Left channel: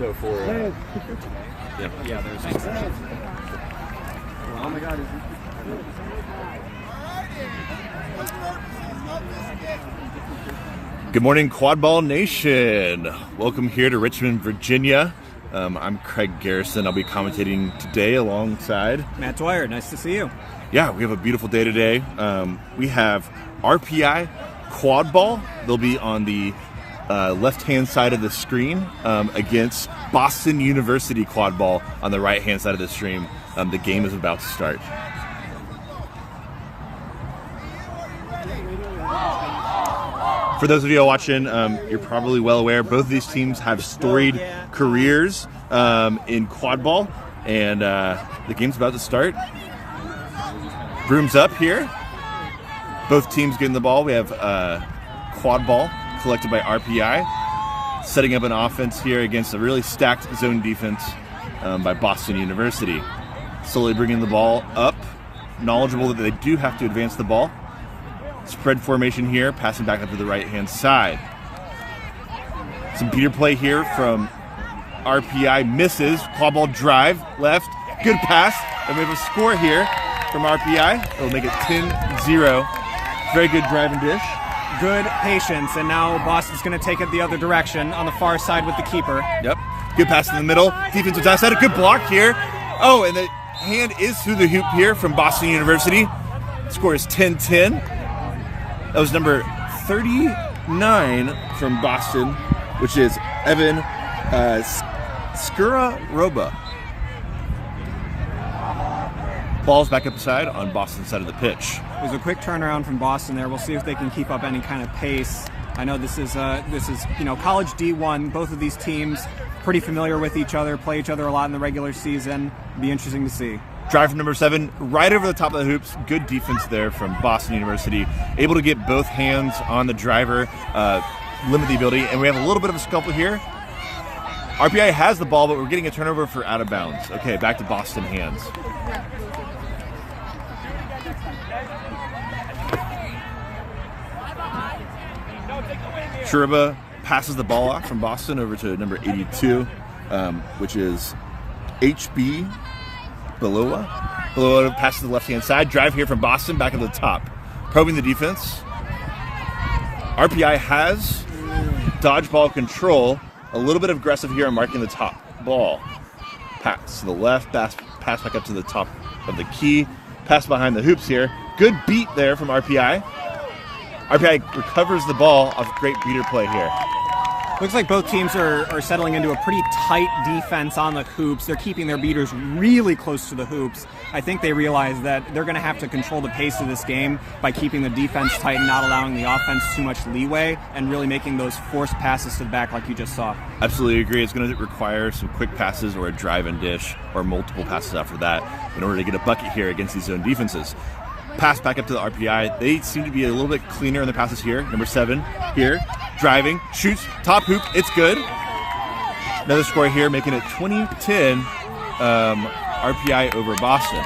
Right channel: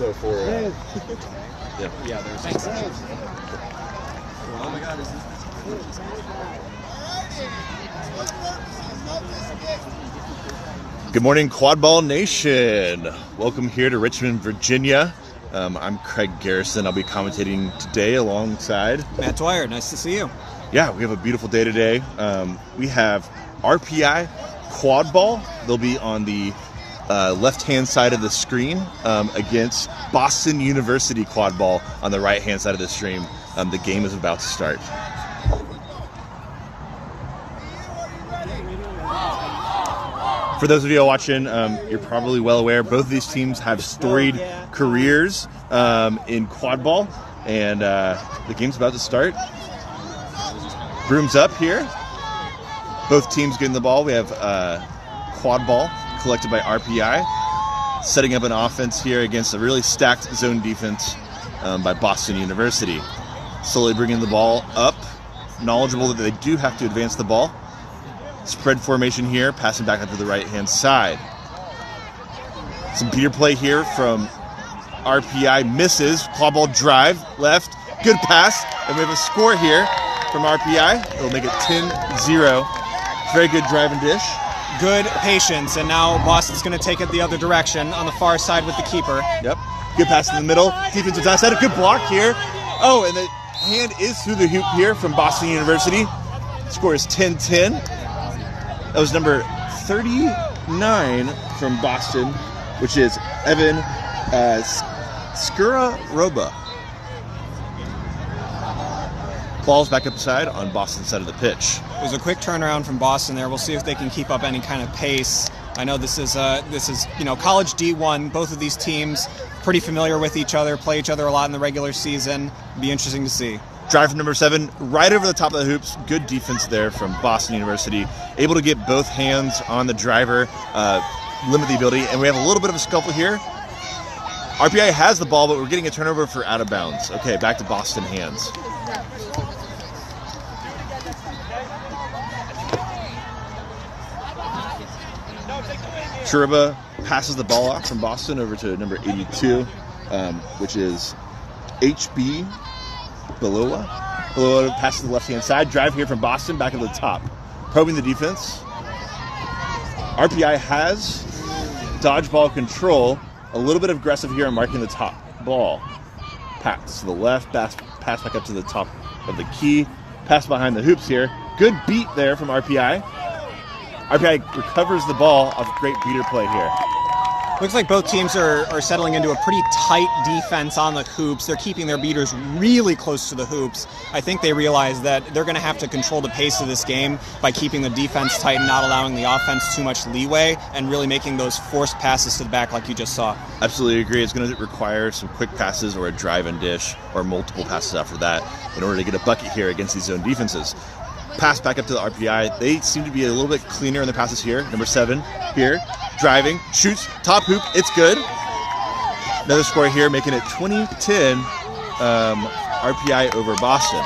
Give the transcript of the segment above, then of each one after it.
No, for Yeah, there's Good morning, Quadball Nation. Welcome here to Richmond, Virginia. I'm Craig Garrison. I'll be commentating today alongside Matt Dwyer. Nice to see you. Yeah, we have a beautiful day today. We have RPI Quadball. They'll be on the left-hand side of the screen against Boston University Quadball on the right-hand side of the stream. The game is about to start. For those of you watching, you're probably well aware both of these teams have storied careers in Quadball, and the game's about to start. Brooms up here. Both teams getting the ball. We have Quadball collected by RPI, setting up an offense here against a really stacked zone defense by Boston University. Slowly bringing the ball up, knowledgeable that they do have to advance the ball. Spread formation here, passing back up to the right-hand side. Some beater play here from RPI, misses. Quadball drive, left, good pass, and we have a score here from RPI. It'll make it 10-0. Very good drive and dish. Good patience, and now Boston's going to take it the other direction on the far side with the keeper. Yep, good pass in the middle. Defensive outside, a good block here. Oh, and the hand is through the hoop here from Boston University. Score is 10-10. That was number 39 from Boston, which is Evan Skuraroba. Ball's back up the side on Boston's side of the pitch. It was a quick turnaround from Boston there. We'll see if they can keep up any kind of pace. I know this is college D1. Both of these teams pretty familiar with each other, play each other a lot in the regular season. Be interesting to see. Drive from number 7, right over the top of the hoops. Good defense there from Boston University. Able to get both hands on the driver, limit the ability. And we have a little bit of a scuffle here. RPI has the ball, but we're getting a turnover for out of bounds. Okay, back to Boston hands. Shuriba passes the ball off from Boston over to number 82, which is HB Belola. Belola passes to the left-hand side. Drive here from Boston, back at the top. Probing the defense. RPI has dodgeball control. A little bit aggressive here and marking the top ball. Pass to the left, pass back up to the top of the key. Pass behind the hoops here. Good beat there from RPI. RPI recovers the ball. A great beater play here. Looks like both teams are settling into a pretty tight defense on the hoops. They're keeping their beaters really close to the hoops. I think they realize that they're going to have to control the pace of this game by keeping the defense tight and not allowing the offense too much leeway and really making those forced passes to the back like you just saw. Absolutely agree. It's going to require some quick passes or a drive and dish or multiple passes after that in order to get a bucket here against these zone defenses. Pass back up to the RPI. They seem to be a little bit cleaner in the passes here. Number 7 here. Driving, shoots, top hoop, it's good. Another score here, making it 20-10, RPI over Boston.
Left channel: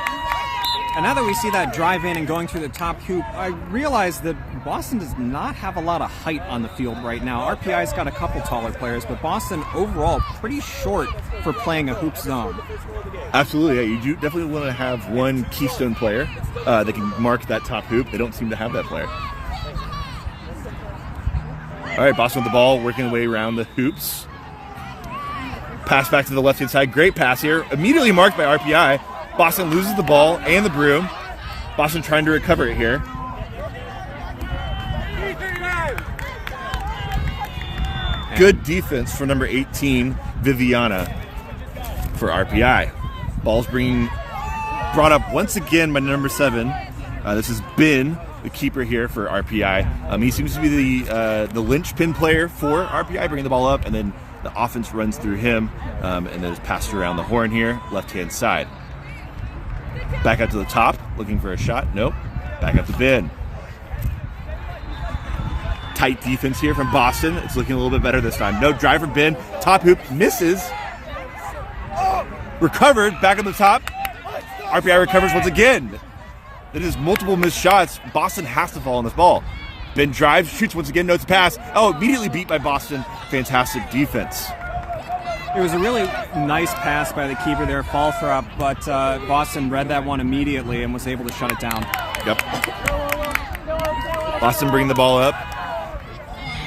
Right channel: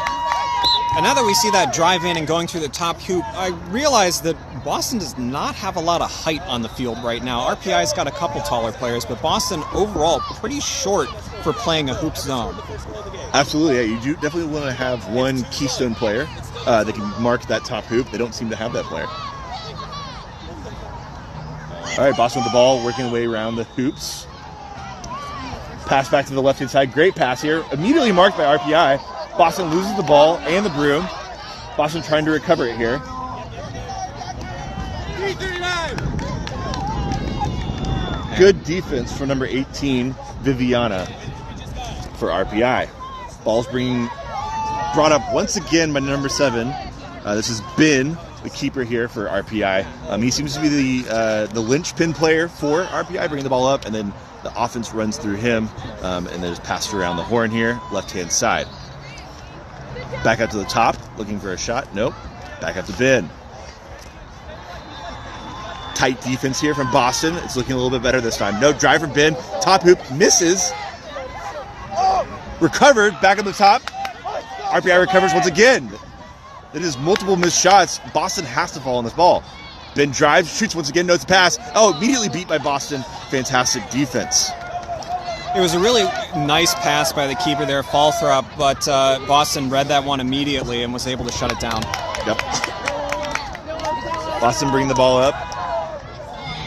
And now that we see that drive in and going through the top hoop, I realize that Boston does not have a lot of height on the field right now. RPI's got a couple taller players, but Boston overall pretty short for playing a hoop zone. Absolutely, yeah. You do definitely want to have one keystone player that can mark that top hoop. They don't seem to have that player. All right, Boston with the ball, working the way around the hoops. Pass back to the left-hand side. Great pass here. Immediately marked by RPI. Boston loses the ball and the broom. Boston trying to recover it here. Good defense for number 18, Viviana, for RPI. Ball's brought up once again by number 7. This is Ben, the keeper here for RPI. He seems to be the linchpin player for RPI, bringing the ball up, and then the offense runs through him, and there's passed around the horn here, left-hand side. Back up to the top, looking for a shot. Nope. Back up to Ben. Tight defense here from Boston. It's looking a little bit better this time. No drive from Ben. Top hoop misses. Recovered, back on the top. RPI recovers once again. That is multiple missed shots. Boston has to fall on this ball. Ben drives, shoots once again, notes a pass. Oh, immediately beat by Boston. Fantastic defense. It was a really nice pass by the keeper there, fall throw, but Boston read that one immediately and was able to shut it down. Yep. Boston bringing the ball up.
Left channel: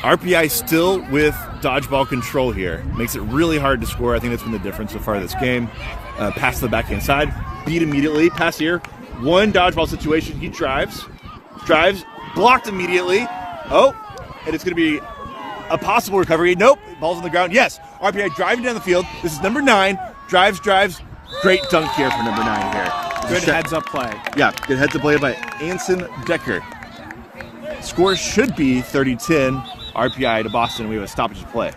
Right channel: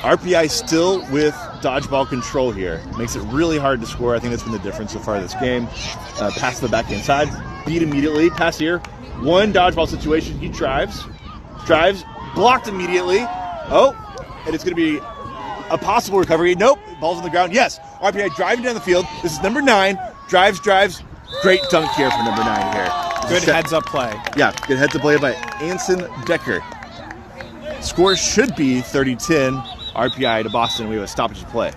RPI still with dodgeball control here. Makes it really hard to score. I think that's been the difference so far this game. Pass to the backhand side. Beat immediately. Pass here. One dodgeball situation. He drives. Blocked immediately. Oh, and it's going to be a possible recovery. Nope. Ball's on the ground. Yes. RPI driving down the field. This is number 9. Drives. Great dunk here for number 9 here. Good heads-up play. Yeah, good heads-up play by Anson Decker. Score should be 30-10. RPI to Boston. We have a stoppage play.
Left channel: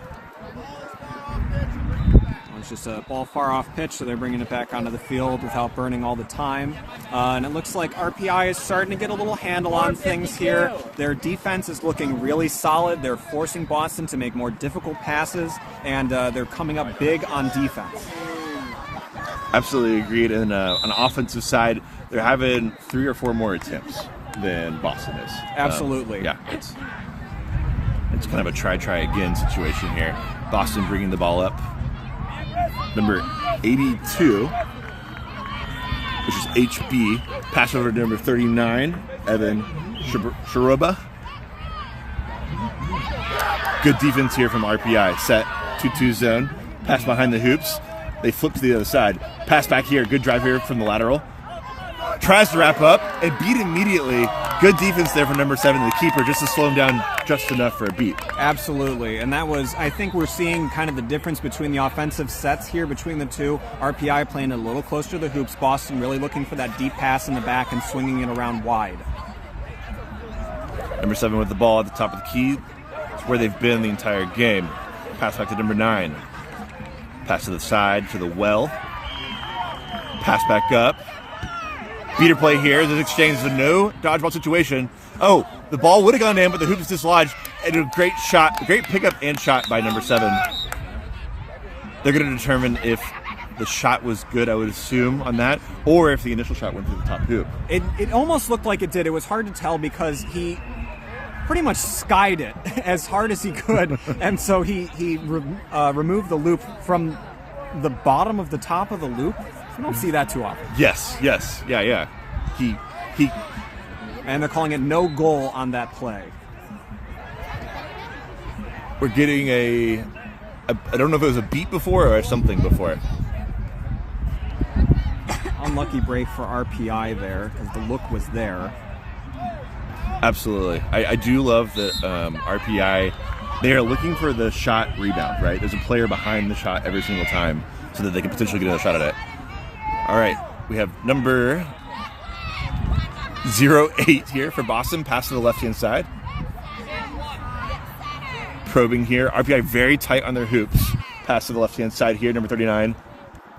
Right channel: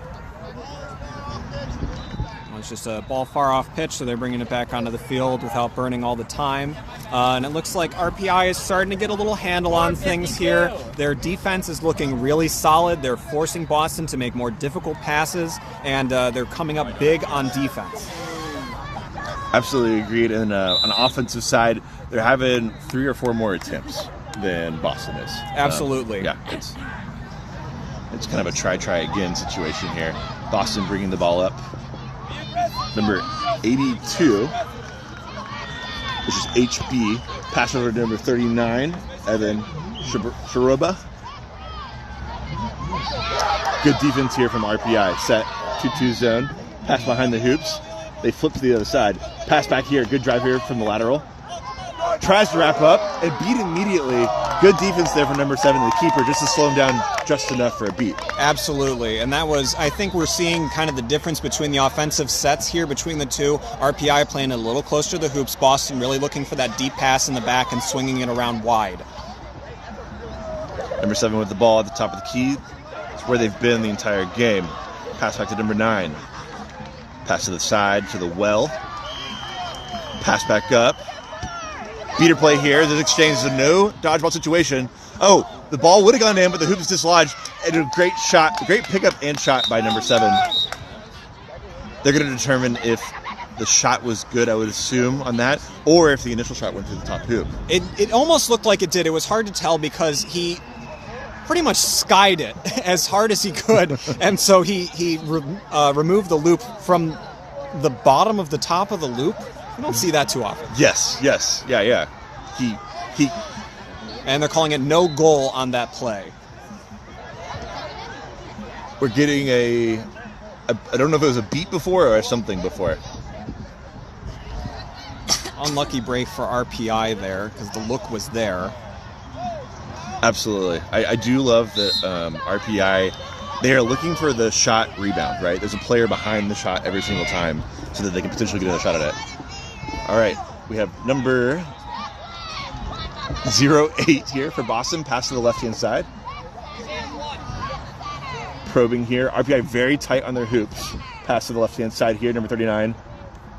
It's just a ball far off pitch, so they're bringing it back onto the field without burning all the time. And it looks like RPI is starting to get a little handle on things here. Their defense is looking really solid. They're forcing Boston to make more difficult passes, and they're coming up big on defense. Absolutely agreed. And on the offensive side, they're having 3 or 4 more attempts than Boston is. Absolutely. Yeah, it's kind of a try again situation here. Boston bringing the ball up. Number 82, which is HB. Pass over to number 39, Evan Sharuba. Good defense here from RPI. Set 2-2 zone. Pass behind the hoops. They flip to the other side. Pass back here. Good drive here from the lateral. Tries to wrap up and beat immediately. Good defense there from number 7, the keeper, just to slow him down just enough for a beat. Absolutely, and that was, I think we're seeing kind of the difference between the offensive sets here between the two. RPI playing a little closer to the hoops, Boston really looking for that deep pass in the back and swinging it around wide. Number 7 with the ball at the top of the key. It's where they've been the entire game. Pass back to number 9. Pass to the side, to the well. Pass back up. Beater play here. This exchange is a no dodgeball situation. Oh, the ball would have gone in, but the hoop is dislodged. And a great shot, a great pickup and shot by number 7. They're going to determine if the shot was good, I would assume, on that, or if the initial shot went through the top hoop. It almost looked like it did. It was hard to tell because he pretty much skied it as hard as he could, and so he removed the loop from the bottom of the top of the loop. You don't see that too often. Yes, yeah. He and they're calling it no goal on that play. We're getting I don't know if it was a beat before or something before. Unlucky break for RPI there because the look was there. Absolutely. I do love that RPI, they are looking for the shot rebound, right? There's a player behind the shot every single time so that they can potentially get another shot at it. All right, we have number 08 here for Boston. Pass to the left-hand side. Probing here. RPI very tight on their hoops. Pass to the left-hand side here, number 39.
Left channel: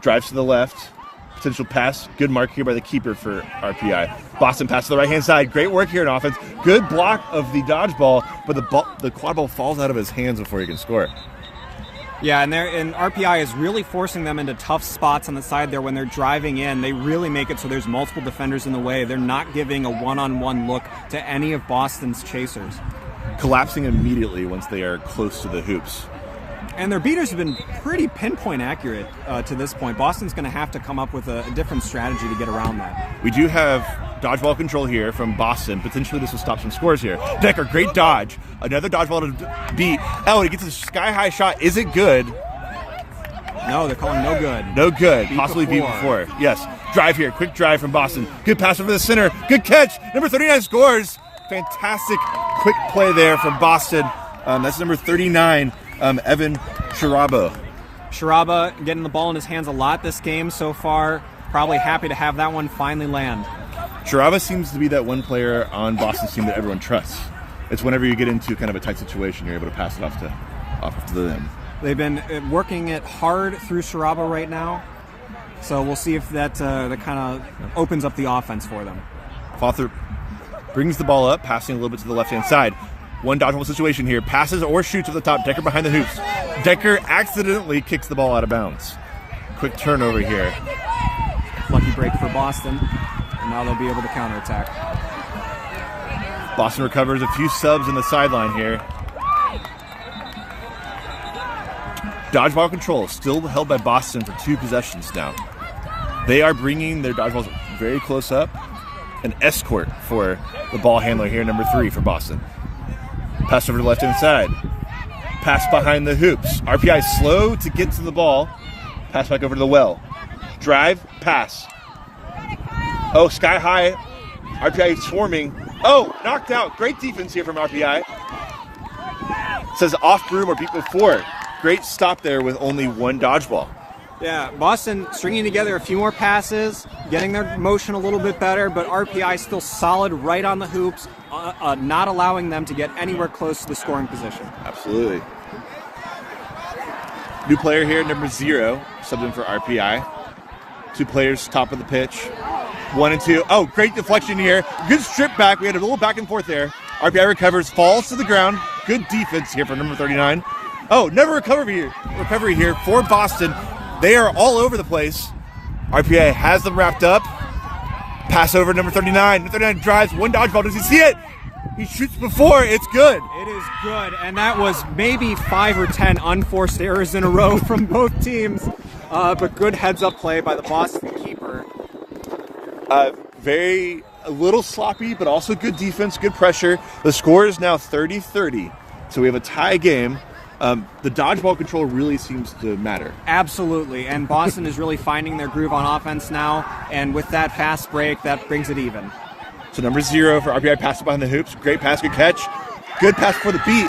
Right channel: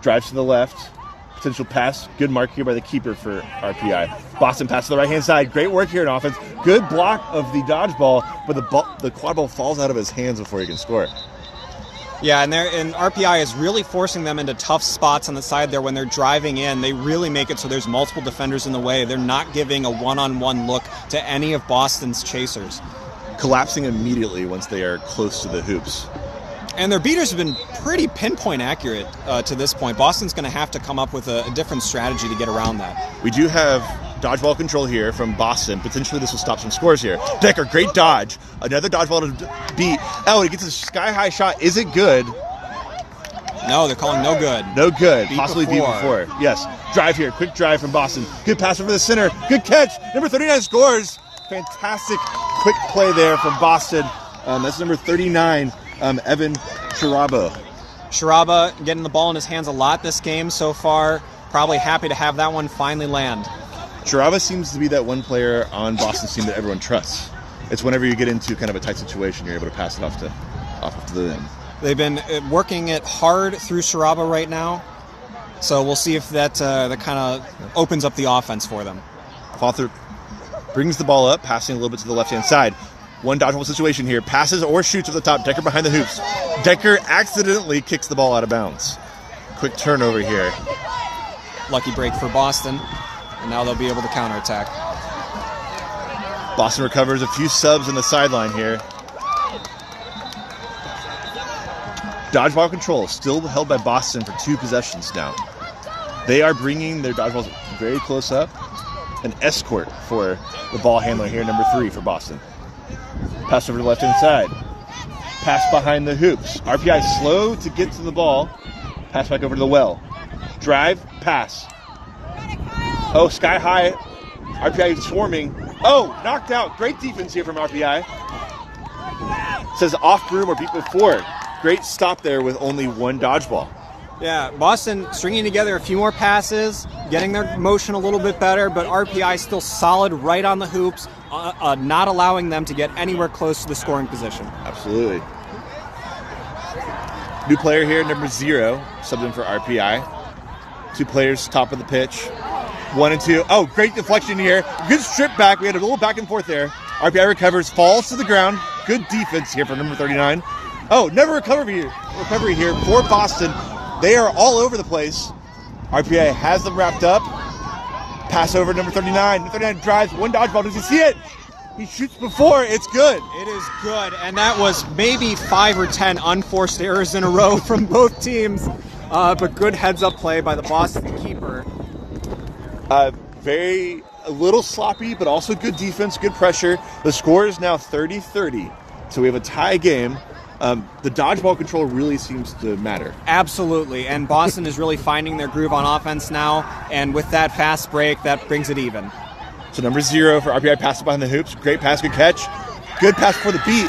Drives to the left. Potential pass. Good mark here by the keeper for RPI. Boston pass to the right-hand side. Great work here in offense. Good block of the dodgeball, but the quad ball falls out of his hands before he can score. Yeah, and RPI is really forcing them into tough spots on the side there when they're driving in. They really make it so there's multiple defenders in the way. They're not giving a one-on-one look to any of Boston's chasers. Collapsing immediately once they are close to the hoops. And their beaters have been pretty pinpoint accurate to this point. Boston's going to have to come up with a different strategy to get around that. We do have dodgeball control here from Boston. Potentially this will stop some scores here. Decker, great dodge. Another dodgeball to beat. Oh, he gets a sky-high shot. Is it good? No, they're calling no good. No good. Possibly beat before. Yes. Drive here. Quick drive from Boston. Good pass over the center. Good catch. Number 39 scores. Fantastic quick play there from Boston. That's number 39, Evan Sharuba. Sharuba getting the ball in his hands a lot this game so far. Probably happy to have that one finally land. Sharuba seems to be that one player on Boston's team that everyone trusts. It's whenever you get into kind of a tight situation, you're able to pass it off to them. They've been working it hard through Sharuba right now, so we'll see if that kind of opens up the offense for them. Fawther brings the ball up, passing a little bit to the left-hand side. One dodgeball situation here. Passes or shoots at the top. Decker behind the hoops. Decker accidentally kicks the ball out of bounds. Quick turnover here. Lucky break for Boston. And now they'll be able to counterattack. Boston recovers a few subs in the sideline here. Dodgeball control still held by Boston for 2 possessions now. They are bringing their dodgeballs very close up. An escort for the ball handler here, number 3 for Boston. Pass over to the left-hand side. Pass behind the hoops. RPI slow to get to the ball. Pass back over to the well. Drive, pass. Oh, sky high. RPI swarming. Oh, knocked out. Great defense here from RPI. Says off broom or beat before. Great stop there with only 1 dodgeball. Yeah, Boston stringing together a few more passes, getting their motion a little bit better, but RPI still solid right on the hoops, not allowing them to get anywhere close to the scoring position. Absolutely. New player here, number 0, subbed in for RPI. 2 players, top of the pitch. 1 and 2. Oh, great deflection here. Good strip back. We had a little back and forth there. RPI recovers, falls to the ground. Good defense here for number 39. Oh, never recovery here for Boston. They are all over the place. RPI has them wrapped up. Pass over to number 39. Number 39 drives 1 dodgeball. Does he see it? He shoots before. It's good. It is good, and that was maybe 5 or 10 unforced errors in a row from both teams. But good heads-up play by the Boston keeper. A little sloppy, but also good defense, good pressure. The score is now 30-30, so we have a tie game. The dodgeball control really seems to matter. Absolutely, and Boston is really finding their groove on offense now, and with that fast break, that brings it even. So number 0 for RPI, pass behind the hoops. Great pass, good catch. Good pass for the beat.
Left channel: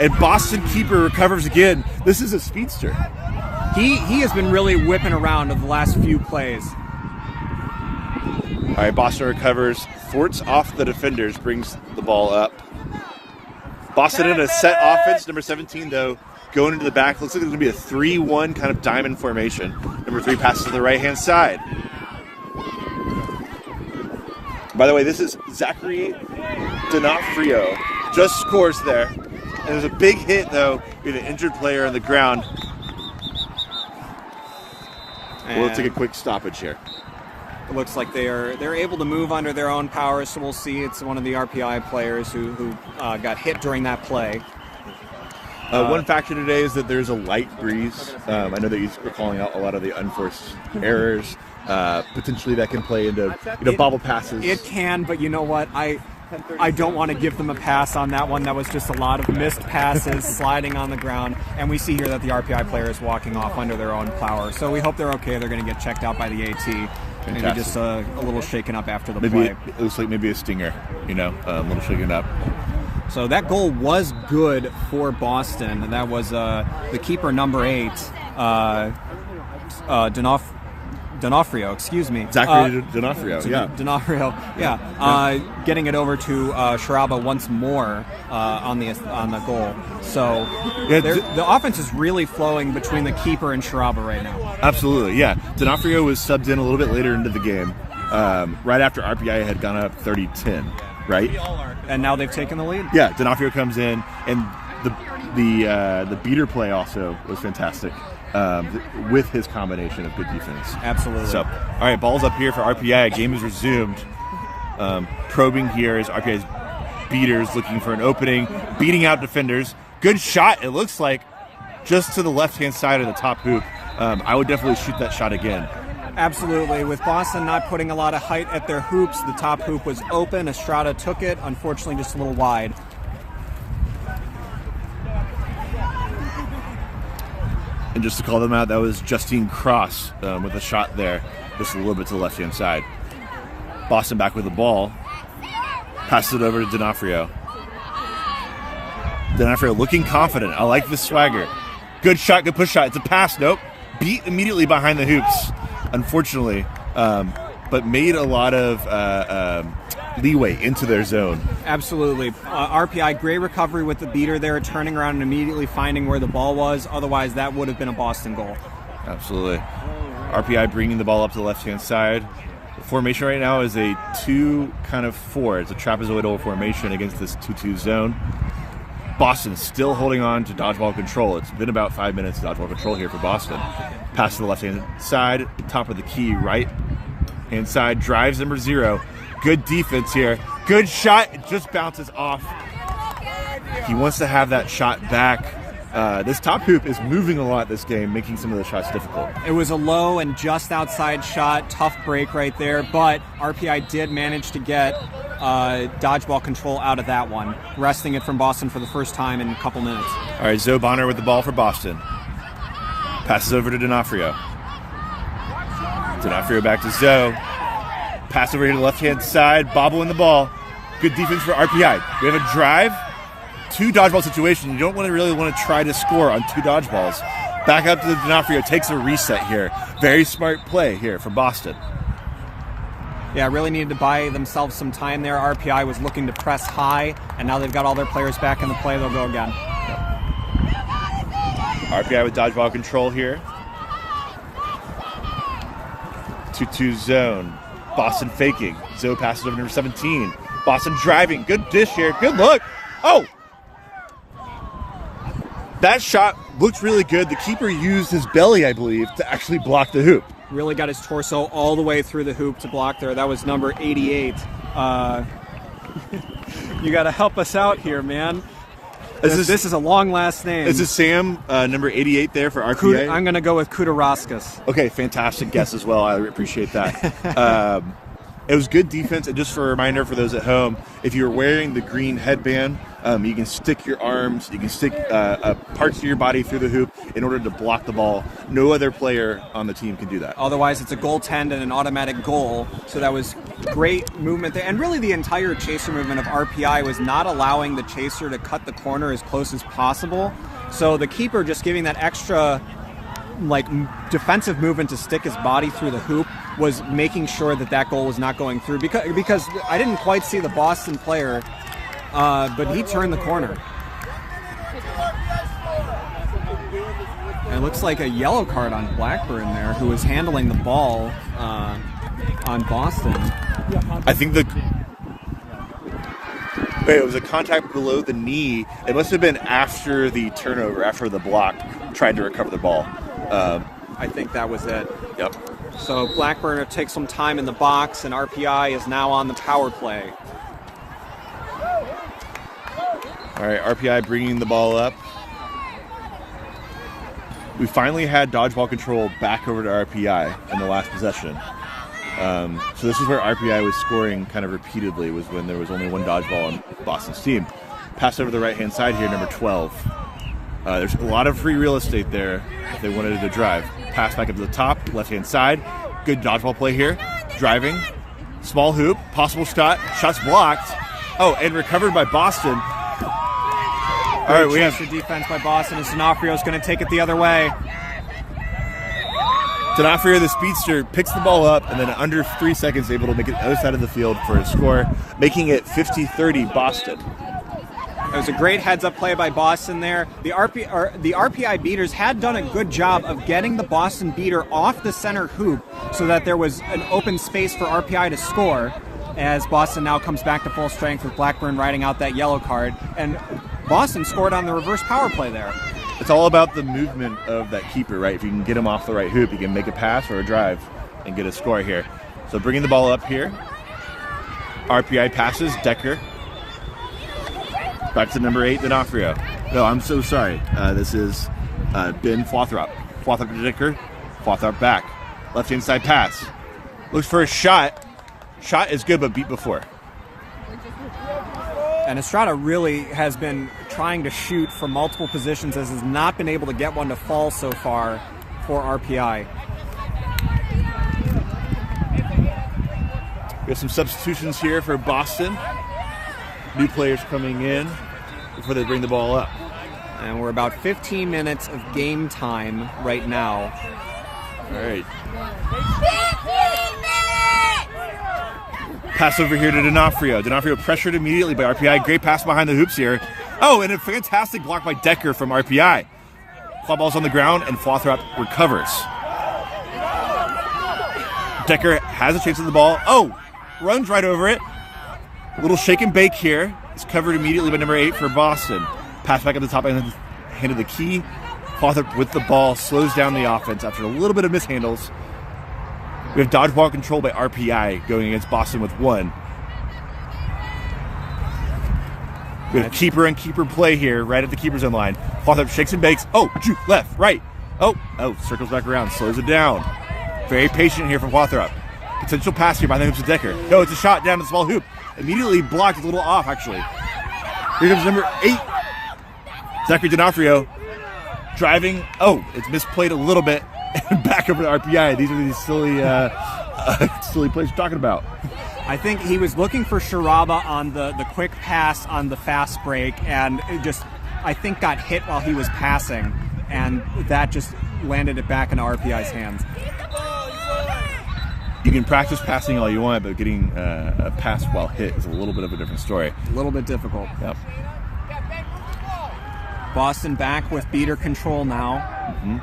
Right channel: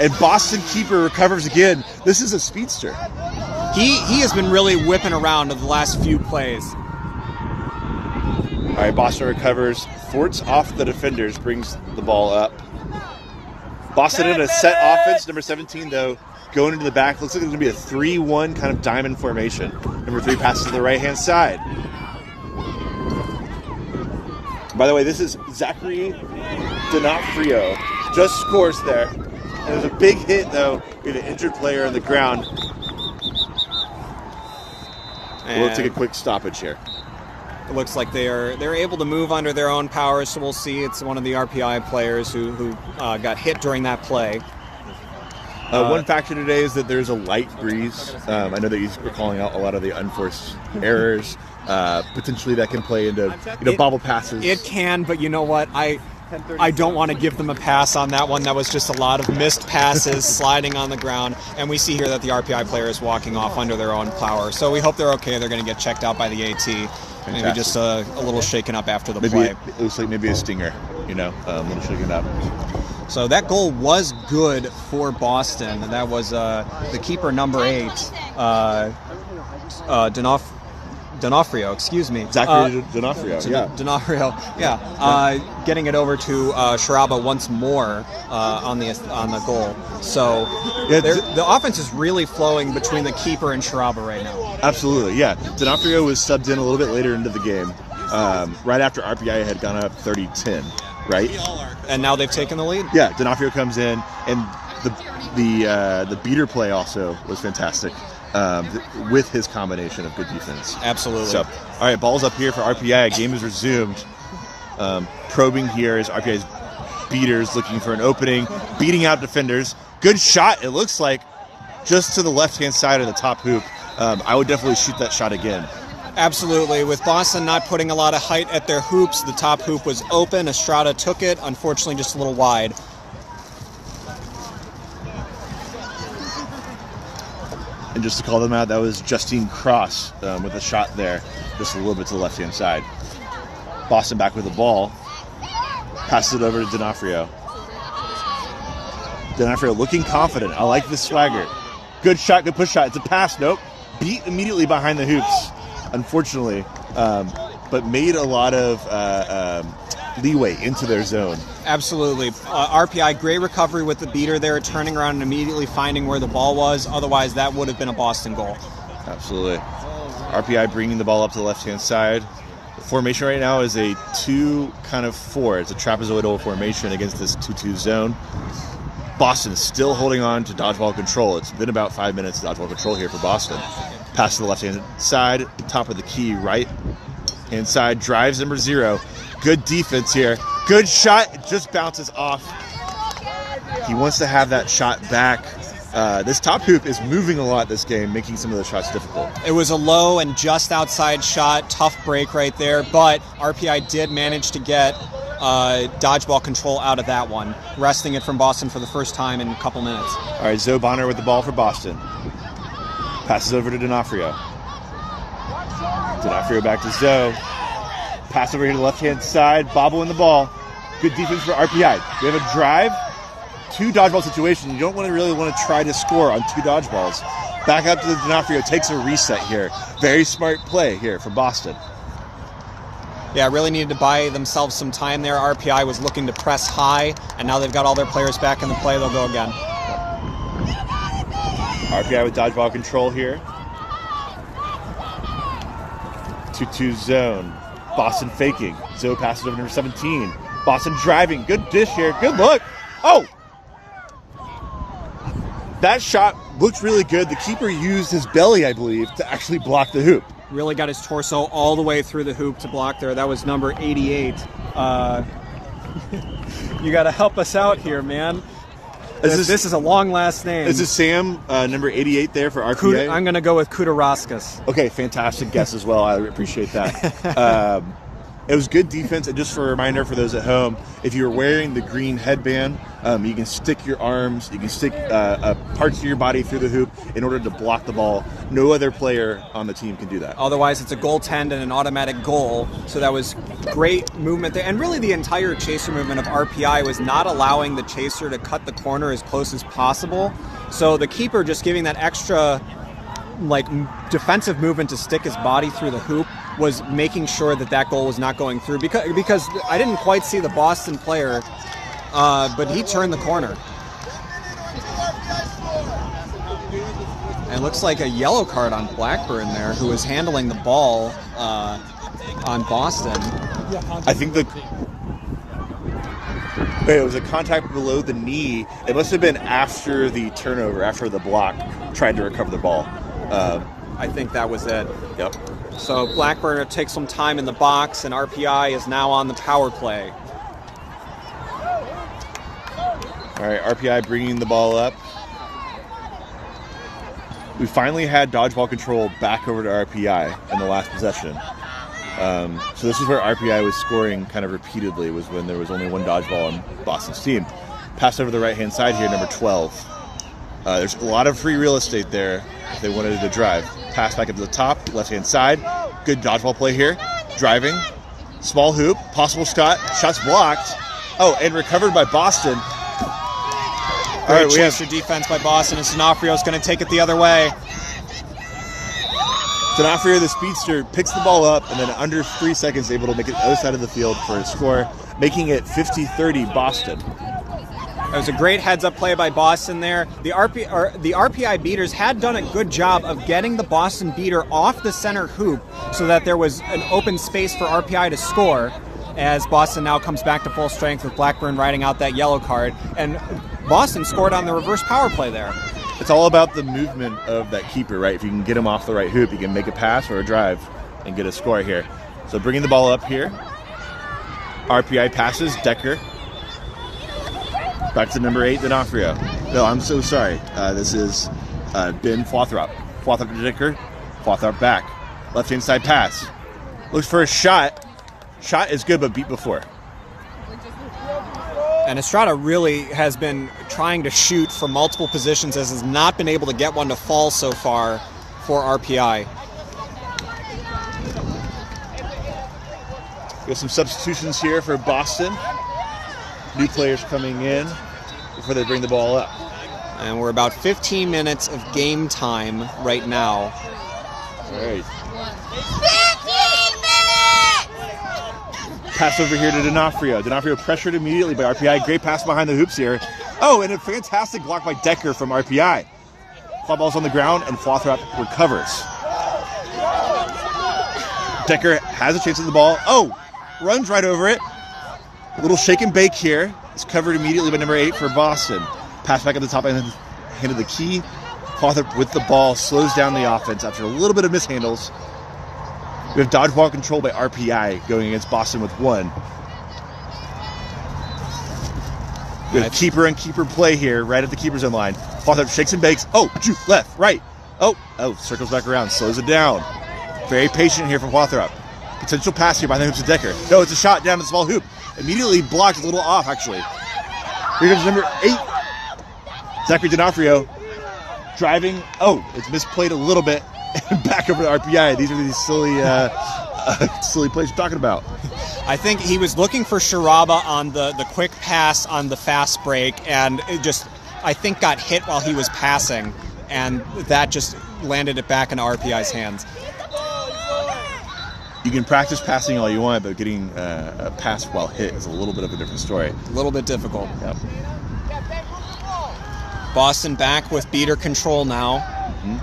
And Boston keeper recovers again. This is a speedster. He has been really whipping around in the last few plays. All right, Boston recovers, thwarts off the defenders, brings the ball up. Boston in a set offense. Number 17, though, going into the back. Looks like it's going to be a 3-1 kind of diamond formation. Number 3 passes to the right-hand side. By the way, this is Zachary D'Onofrio. Just scores there. And there's a big hit, though. We have an injured player on the ground. We'll take a quick stoppage here. It looks like they're able to move under their own power, so we'll see. It's one of the RPI players who got hit during that play. One factor today is that there's a light breeze. I know that you're calling out a lot of the unforced errors. Potentially that can play into bobble passes. It can, but you know what? I don't want to give them a pass on that one. That was just a lot of missed passes, sliding on the ground, and we see here that the RPI player is walking off under their own power. So we hope they're okay. They're going to get checked out by the AT. Maybe just a little shaken up after the play. It looks like maybe a stinger, a little shaken up. So that goal was good for Boston, and that was the keeper, number 8, D'Onofrio, excuse me. Zachary D'Onofrio, yeah. D'Onofrio, yeah. Getting it over to Sharaba once more on the goal. So the offense is really flowing between the keeper and Sharaba right now. Absolutely, yeah. D'Onofrio was subbed in a little bit later into the game, right after RPI had gone up 30-10, right? And now they've taken the lead? Yeah, D'Onofrio comes in, and the beater play also was fantastic. With his combination of good defense. Absolutely. So, all right, ball's up here for RPI. Game is resumed. Probing here is RPI's beaters looking for an opening, beating out defenders. Good shot, it looks like, just to the left-hand side of the top hoop. I would definitely shoot that shot again. Absolutely. With Boston not putting a lot of height at their hoops, the top hoop was open. Estrada took it, unfortunately just a little wide. And just to call them out, that was Justine Cross with a shot there, just a little bit to the left-hand side. Boston back with the ball. Passes it over to D'Onofrio. D'Onofrio looking confident. I like the swagger. Good shot, good push shot. It's a pass, nope. Beat immediately behind the hoops, unfortunately, but made a lot of leeway into their zone. Absolutely. RPI, great recovery with the beater there, turning around and immediately finding where the ball was. Otherwise, that would have been a Boston goal. Absolutely. RPI bringing the ball up to the left-hand side. The formation right now is a 2-4. It's a trapezoidal formation against this 2-2 zone. Boston is still holding on to dodgeball control. It's been about 5 minutes of dodgeball control here for Boston. Pass to the left-hand side, top of the key, right-hand side, drives number 0. Good defense here. Good shot. It just bounces off. He wants to have that shot back. This top hoop is moving a lot this game, making some of the shots difficult. It was a low and just outside shot, tough break right there, but RPI did manage to get dodgeball control out of that one, wresting it from Boston for the first time in a couple minutes. All right, Zoe Bonner with the ball for Boston. Passes over to D'Onofrio. D'Onofrio back to Zoe. Pass over here to the left-hand side, bobbling the ball. Good defense for RPI. We have a drive, 2 dodgeball situation. You don't really want to try to score on 2 dodgeballs. Back up to the D'Onofrio, takes a reset here. Very smart play here from Boston. Yeah, really needed to buy themselves some time there. RPI was looking to press high, and now they've got all their players back in the play. They'll go again. RPI with dodgeball control here. 2-2 zone. Boston faking. Zoe passes over number 17. Boston driving. Good dish here. Good look. Oh! That shot looks really good. The keeper used his belly, I believe, to actually block the hoop. Really got his torso all the way through the hoop to block there. That was number 88. You got to help us out here, man. This is a long last name. Is it Sam, number 88 there for RPA? I'm going to go with Kudarauskas. Okay, fantastic guess as well. I appreciate that. It was good defense, and just for a reminder for those at home, if you're wearing the green headband, you can stick your arms, you can stick parts of your body through the hoop in order to block the ball. No other player on the team can do that. Otherwise, it's a goaltend and an automatic goal, so that was great movement there. And really the entire chaser movement of RPI was not allowing the chaser to cut the corner as close as possible. So the keeper just giving that extra defensive movement to stick his body through the hoop was making sure that goal was not going through, because I didn't quite see the Boston player, but he turned the corner. And it looks like a yellow card on Blackburn there, who was handling the ball on Boston. I think it was a contact below the knee. It must have been after the turnover, after the block tried to recover the ball. I think that was it. Yep. So Blackburn takes some time in the box, and RPI is now on the power play. All right, RPI bringing the ball up. We finally had dodgeball control back over to RPI in the last possession. So this is where RPI was scoring kind of repeatedly, was when there was only 1 dodgeball on Boston's team. Pass over the right-hand side here, number 12. There's a lot of free real estate there if they wanted to drive. Pass back up to the top, left-hand side. Good dodgeball play here. Driving. Small hoop. Possible shot. Shot's blocked. Oh, and recovered by Boston. All right, we have defense by Boston, and D'Onofrio's going to take it the other way. D'Onofrio, the speedster, picks the ball up, and then under 3 seconds able to make it the other side of the field for a score, making it 50-30 Boston. It was a great heads-up play by Boston there. The RPI beaters had done a good job of getting the Boston beater off the center hoop so that there was an open space for RPI to score, as Boston now comes back to full strength with Blackburn riding out that yellow card. And Boston scored on the reverse power play there. It's all about the movement of that keeper, right? If you can get him off the right hoop, you can make a pass or a drive and get a score here. So bringing the ball up here. RPI passes, Decker. Back to number 8, D'Onofrio. No, I'm so sorry. This is Ben Flothrop. Flothrop to Decker. Flothrop back. Left-hand side pass. Looks for a shot. Shot is good, but beat before. And Estrada really has been trying to shoot from multiple positions, as has not been able to get one to fall so far for RPI. We have some substitutions here for Boston. New players coming in before they bring the ball up. And we're about 15 minutes of game time right now. All right. 15 minutes! Pass over here to D'Onofrio. D'Onofrio pressured immediately by RPI. Great pass behind the hoops here. Oh, and a fantastic block by Decker from RPI. Flat ball's on the ground, and Flothrop recovers. Decker has a chance at the ball. Oh, runs right over it. A little shake and bake here. It's covered immediately by number 8 for Boston. Pass back at the top end of the key. Flothrop with the ball slows down the offense after a little bit of mishandles. We have dodgeball control by RPI going against Boston with 1. We have keeper and keeper play here right at the keeper's own line. Hawthorpe shakes and bakes. Oh, juke, left, right. Oh, circles back around, slows it down. Very patient here from Hawthorpe. Potential pass here by the hoops of Decker. No, it's a shot down to the small hoop. Immediately blocked, a little off, actually. Here comes number 8. Zachary D'Onofrio driving. Oh, it's misplayed a little bit. Back over to RPI. These are these silly plays you're talking about. I think he was looking for Sharaba on the quick pass on the fast break, and it just, I think, got hit while he was passing, and that just landed it back in RPI's hands. You can practice passing all you want, but getting a pass while hit is a little bit of a different story. A little bit difficult. Yep. Boston back with beater control now. Mm-hmm.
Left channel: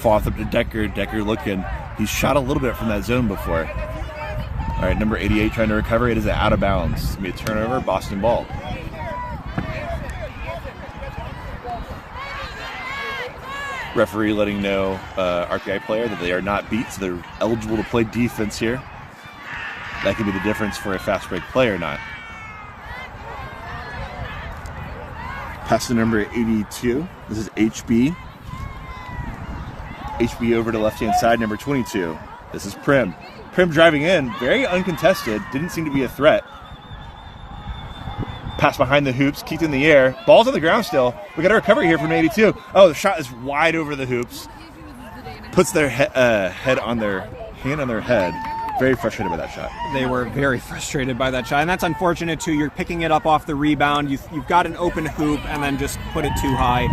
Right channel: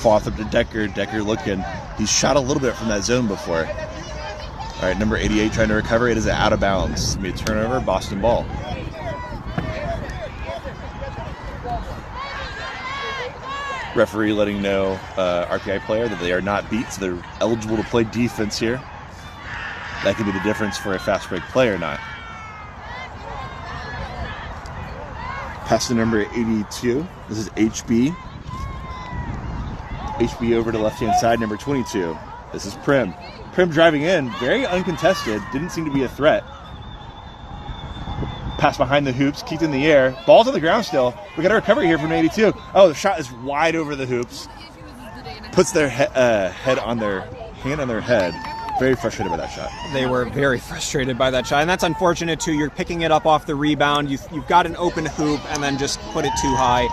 Fourth up to Decker. Decker looking. He's shot a little bit from that zone before. All right, number 88 trying to recover. It is out of bounds. It's going to be a turnover, Boston ball. Referee letting know RPI player that they are not beat, so they're eligible to play defense here. That could be the difference for a fast break play or not. Pass to number 82. This is HB. HB over to left-hand side, number 22. This is Prim. Prim driving in, very uncontested. Didn't seem to be a threat. Pass behind the hoops, kicked in the air. Ball's on the ground still. We got a recovery here from 82. Oh, the shot is wide over the hoops. Puts their hand on their head. Very frustrated by that shot. They were very frustrated by that shot, and that's unfortunate too. You're picking it up off the rebound. You've got an open hoop, and then just put it too high.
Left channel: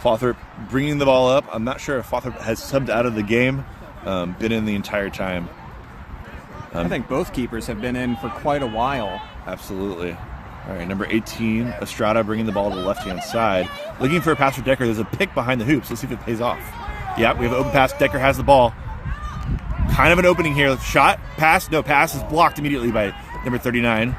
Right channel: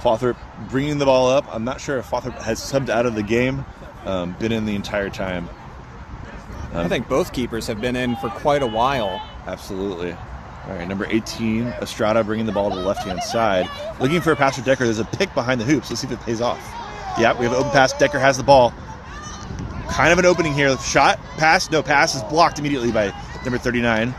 Fawthorpe bringing the ball up. I'm not sure if Fawthorpe has subbed out of the game. Been in the entire time. I think both keepers have been in for quite a while. Absolutely. All right, number 18, Estrada bringing the ball to the left-hand side. Looking for a pass for Decker. There's a pick behind the hoops. Let's see if it pays off. Yeah, we have an open pass. Decker has the ball. Kind of an opening here. Shot, pass, no pass is blocked immediately by number 39.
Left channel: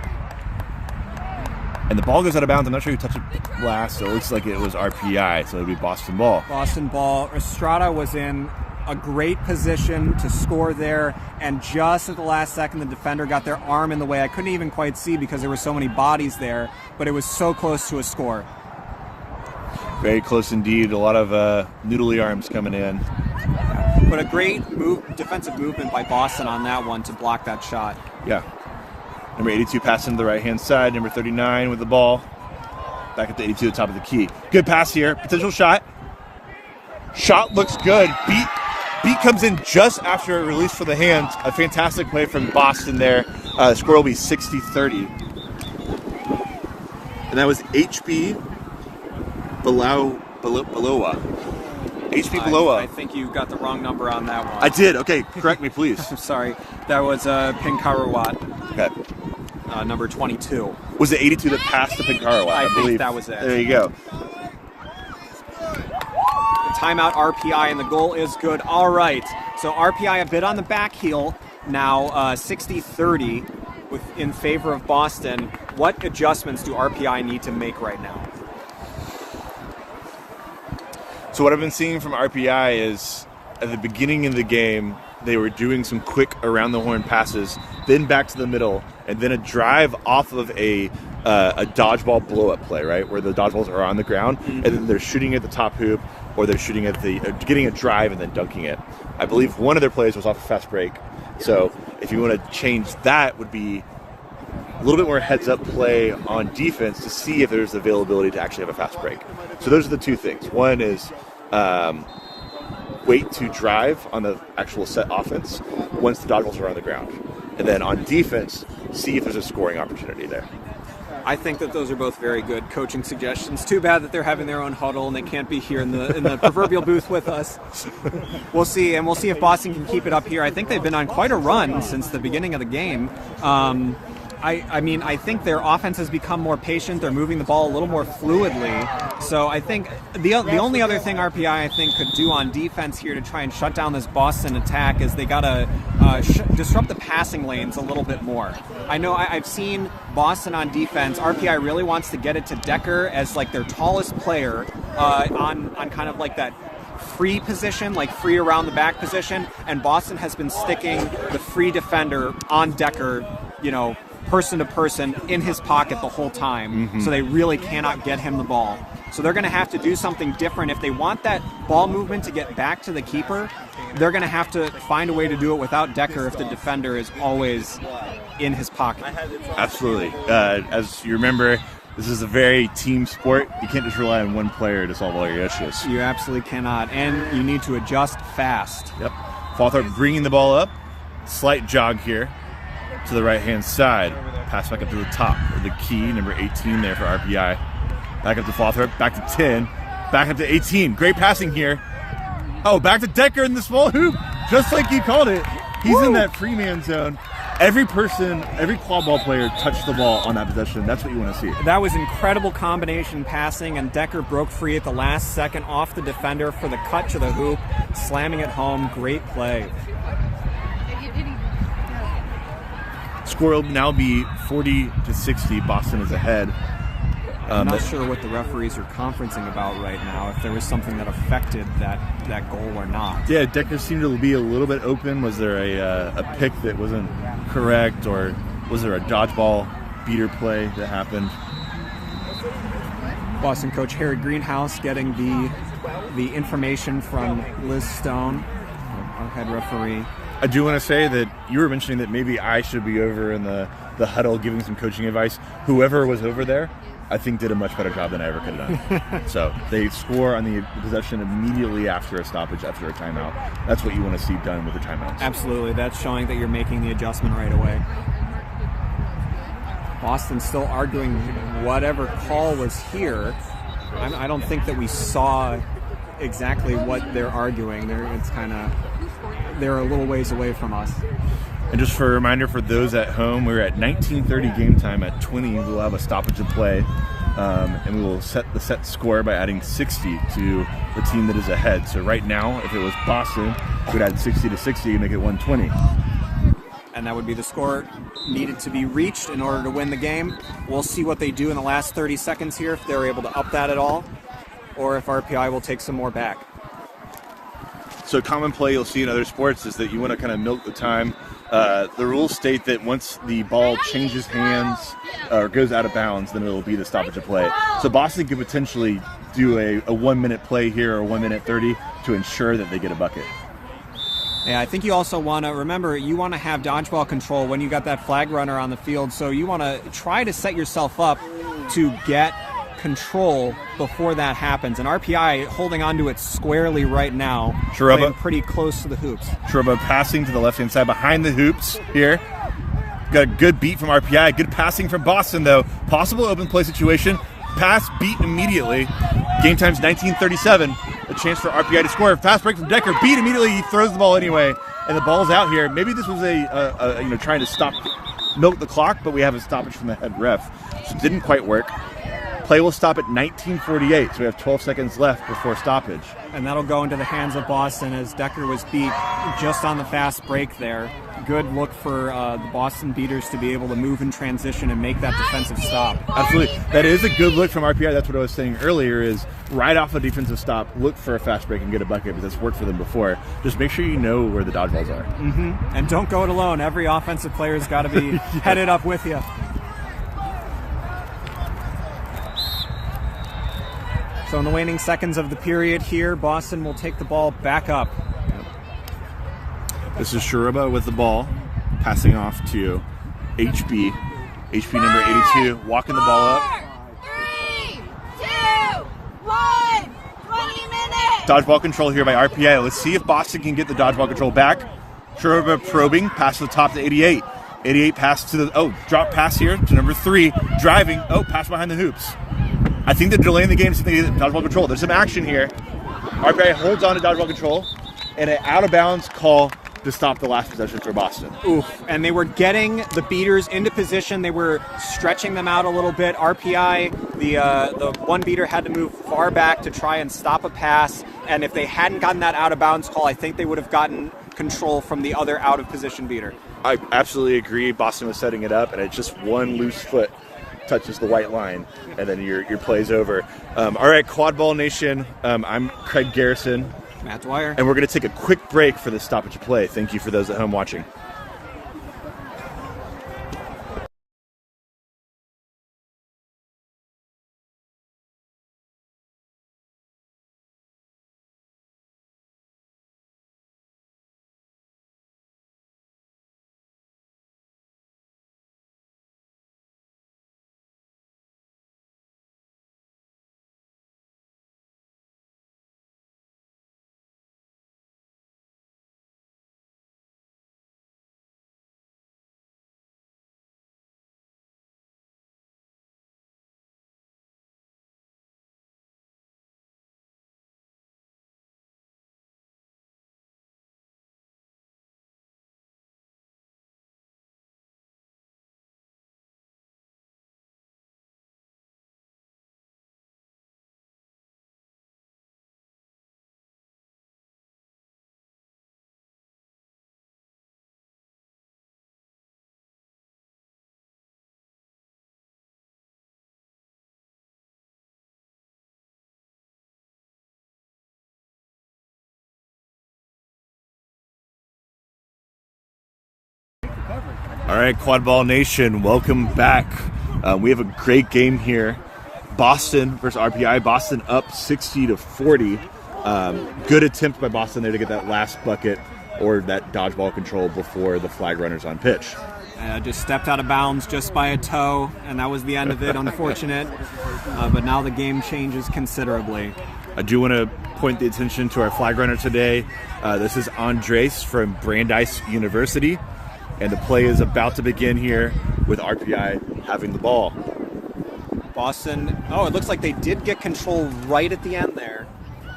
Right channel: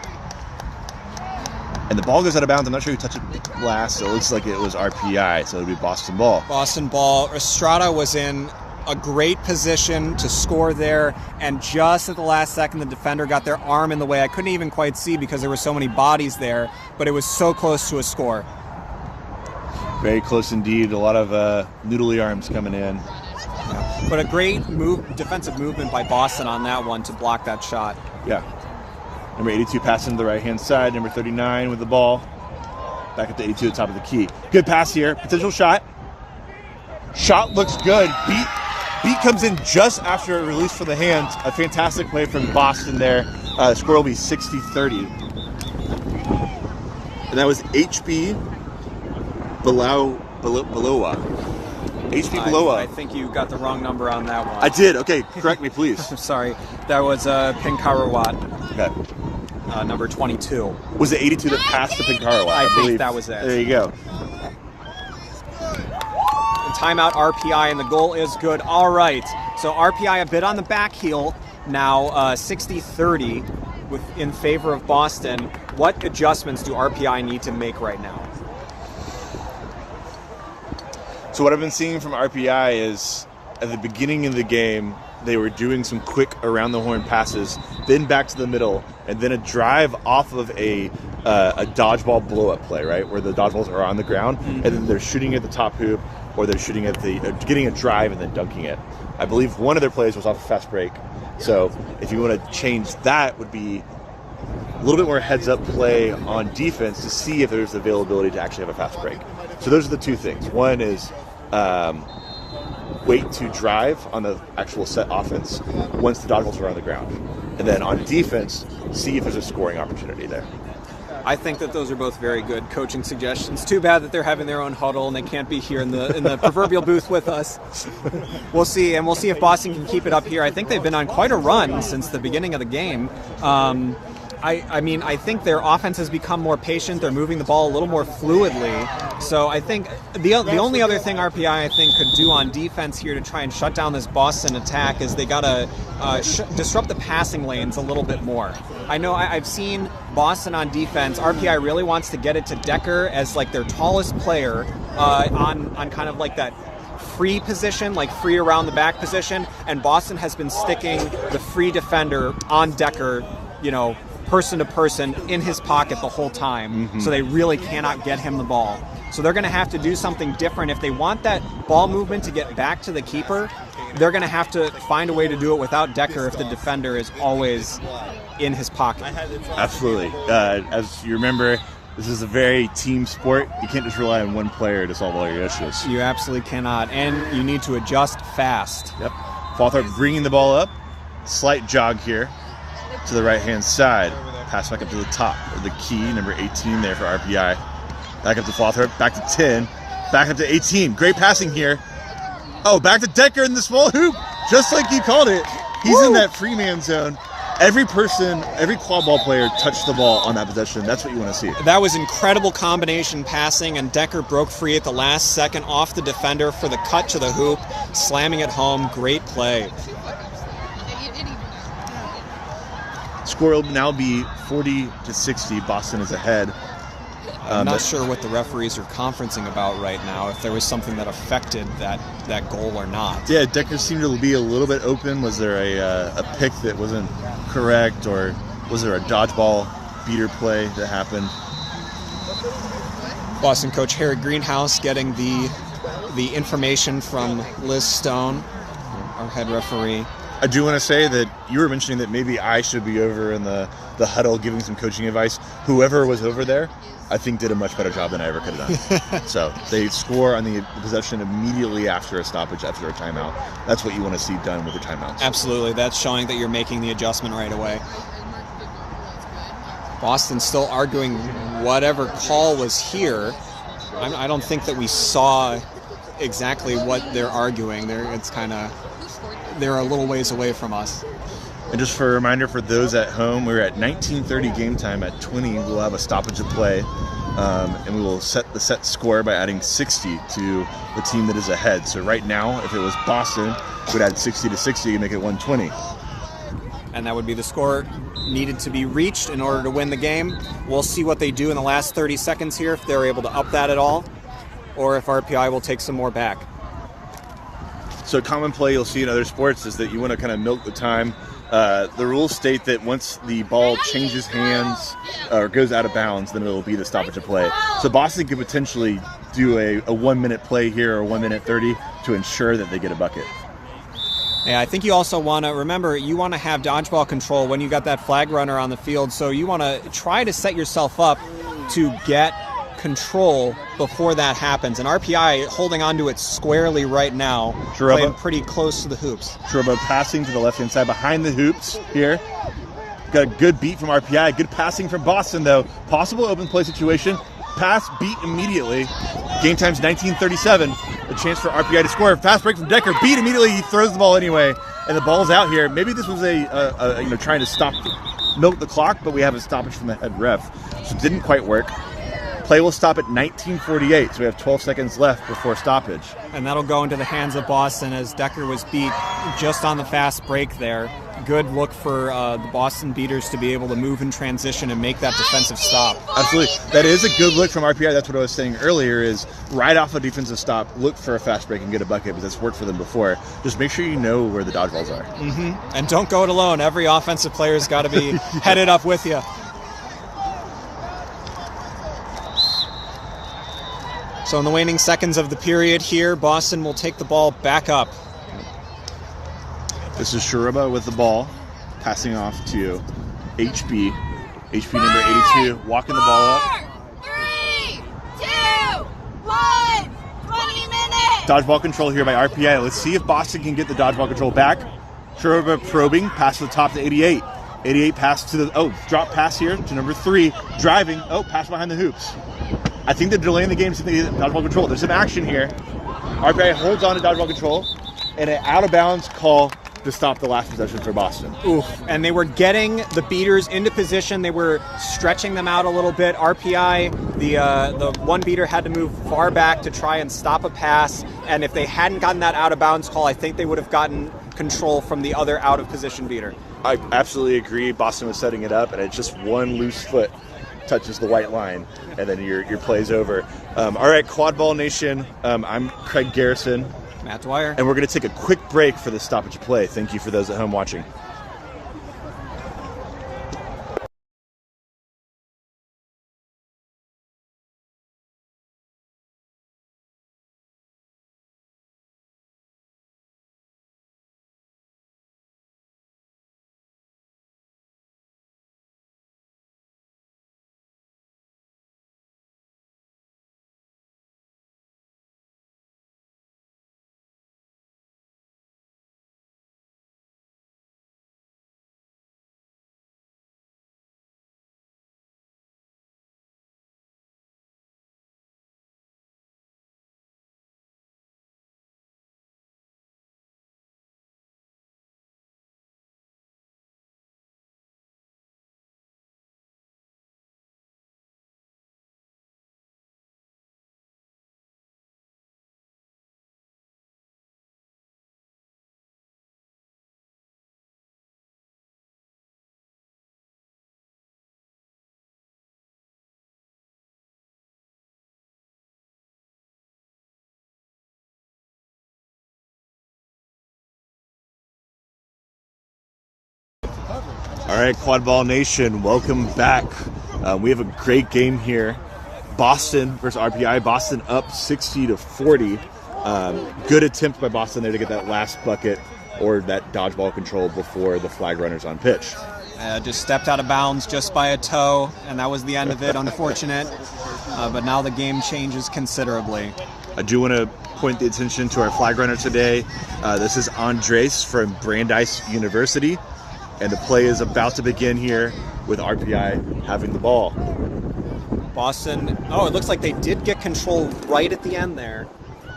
And the ball goes out of bounds. I'm not sure who touched it last, so it looks like it was RPI, so it would be Boston ball. Boston ball. Estrada was in a great position to score there, and just at the last second the defender got their arm in the way. I couldn't even quite see because there were so many bodies there, but it was so close to a score. Very close indeed. A lot of noodly arms coming in. But a great defensive movement by Boston on that one to block that shot. Yeah. Number 82 passing to the right-hand side. Number 39 with the ball. Back up to 82 at the top of the key. Good pass here. Potential shot. Shot looks good. Beat comes in just after a release from the hands. A fantastic play from Boston there. The score will be 60-30. And that was HB Belowa. HB Belowa. I think you got the wrong number on that one. I did. Okay, correct me, please. I'm sorry. That was Pinkarawat. Okay. Number 22. Was it 82 that passed to Pinkarawat? I think that was it. There you go. Timeout RPI, and the goal is good. All right, so RPI a bit on the back heel now, 60-30 in favor of Boston. What adjustments do RPI need to make right now? So what I've been seeing from RPI is at the beginning of the game, they were doing some quick around the horn passes, then back to the middle, and then a drive off of a dodgeball blow-up play, right, where the dodgeballs are on the ground, and then they're shooting at the top hoop, or they're shooting at the getting a drive and then dunking it. I believe one of their plays was off a fast break. So if you want to change that, would be a little bit more heads-up play on defense to see if there's availability to actually have a fast break. So those are the two things. One is wait to drive on the actual set offense once the dodgeballs are on the ground. And then on defense, see if there's a scoring opportunity there. I think that those are both very good coaching suggestions. Too bad that they're having their own huddle and they can't be here in the proverbial booth with us. We'll see, and we'll see if Boston can keep it up here. I think they've been on quite a run since the beginning of the game. I mean, I think their offense has become more patient. They're moving the ball a little more fluidly. So I think the only other thing RPI, I think, could do on defense here to try and shut down this Boston attack is they got to disrupt the passing lanes a little bit more. I know I've seen Boston on defense. RPI really wants to get it to Decker as like their tallest player on kind of like that free position, like free around the back position. And Boston has been sticking the free defender on Decker, person to person in his pocket the whole time, so they really cannot get him the ball. So they're going to have to do something different. If they want that ball movement to get back to the keeper, they're going to have to find a way to do it without Decker if the defender is always in his pocket. Absolutely. As you remember, this is a very team sport. You can't just rely on one player to solve all your issues. You absolutely cannot, and you need to adjust fast. Yep. Fawthorpe bringing the ball up. Slight jog here to the right-hand side. Pass back up to the top of the key, number 18 there for RPI. Back up to Fawthorpe, back to 10, back up to 18. Great passing here. Oh, back to Decker in the small hoop, just like you called it. He's in that free man zone. Every person, every quad ball player touched the ball on that possession. That's what you want to see. That was incredible combination passing, and Decker broke free at the last second off the defender for the cut to the hoop, slamming it home. Great play. Score will now be 40-60. Boston is ahead. I'm not sure what the referees are conferencing about right now, if there was something that affected that goal or not. Yeah, Decker seemed to be a little bit open. Was there a pick that wasn't correct, or was there a dodgeball beater play that happened? Boston coach Harry Greenhouse getting the information from Liz Stone, our head referee. I do want to say that you were mentioning that maybe I should be over in the huddle giving some coaching advice. Whoever was over there, I think did a much better job than I ever could have done. So they score on the possession immediately after a stoppage, after a timeout. That's what you want to see done with the timeouts. Absolutely. That's showing that you're making the adjustment right away. Boston still arguing whatever call was here. I don't think that we saw exactly what they're arguing. They're a little ways away from us. And just for a reminder for those at home, we're at 19:30 game time. At 20, we'll have a stoppage of play, and we will set the set score by adding 60 to the team that is ahead. So right now, if it was Boston, we would add 60 to 60 and make it 120. And that would be the score needed to be reached in order to win the game. We'll see what they do in the last 30 seconds here, if they're able to up that at all, or if RPI will take some more back. So a common play you'll see in other sports is that you want to kind of milk the time. The rules state that once the ball changes hands or goes out of bounds, then it'll be the stoppage of play. So Boston could potentially do a 1 minute play here, or 1 minute 30, to ensure that they get a bucket. Yeah, I think you also want to remember, you want to have dodgeball control when you got that flag runner on the field. So you want to try to set yourself up to get control before that happens. And RPI holding onto it squarely right now, playing pretty close to the hoops. Truba passing to the left-hand side behind the hoops here. Got a good beat from RPI. Good passing from Boston, though. Possible open play situation. Pass beat immediately. Game time's 19:37. A chance for RPI to score. Fast break from Decker. Beat immediately. He throws the ball anyway, and the ball's out here. Maybe this was trying to milk the clock, but we have a stoppage from the head ref. So it didn't quite work. Play will stop at 19:48, so we have 12 seconds left before stoppage. And that'll go into the hands of Boston as Decker was beat just on the fast break there. Good look for the Boston beaters to be able to move in transition and make that defensive stop. Absolutely. That is a good look from RPI. That's what I was saying earlier, is right off a defensive stop, look for a fast break and get a bucket, because that's worked for them before. Just make sure you know where the dodgeballs are. Mm-hmm. And don't go it alone. Every offensive player's got to be headed up with you. So in the waning seconds of the period here, Boston will take the ball back up. This is Sharuba with the ball, passing off to HB. HB number 82, walking the ball up. 3, 2, 1, 20 minutes. Dodgeball control here by RPI. Let's see if Boston can get the dodgeball control back. Sharuba probing, pass to the top to 88. 88 pass to the, drop pass here to number 3, driving, pass behind the hoops. I think they're delaying the game so they get dodgeball control. There's some action here. RPI holds on to dodgeball control, and an out-of-bounds call to stop the last possession for Boston. Oof, and they were getting the beaters into position. They were stretching them out a little bit. RPI, the one beater had to move far back to try and stop a pass, and if they hadn't gotten that out-of-bounds call, I think they would have gotten control from the other out-of-position beater. I absolutely agree. Boston was setting it up, and it's just one loose foot touches the white line, and then your play's over. All right, Quadball Nation, I'm Craig Garrison. Matt Dwyer. And we're going to take a quick break for the stoppage of play. Thank you for those at home watching. All right, Quadball Nation, welcome back. We have a great game here. Boston versus RPI. Boston up 60-40. Good attempt by Boston there to get that last bucket or that dodgeball control before the flag runners on pitch. Just stepped out of bounds just by a toe, and that was the end of it. Unfortunate. But now the game changes considerably. I do want to point the attention to our flag runner today. This is Andres from Brandeis University, and the play is about to begin here with RPI having the ball. Boston, it looks like they did get control right at the end there.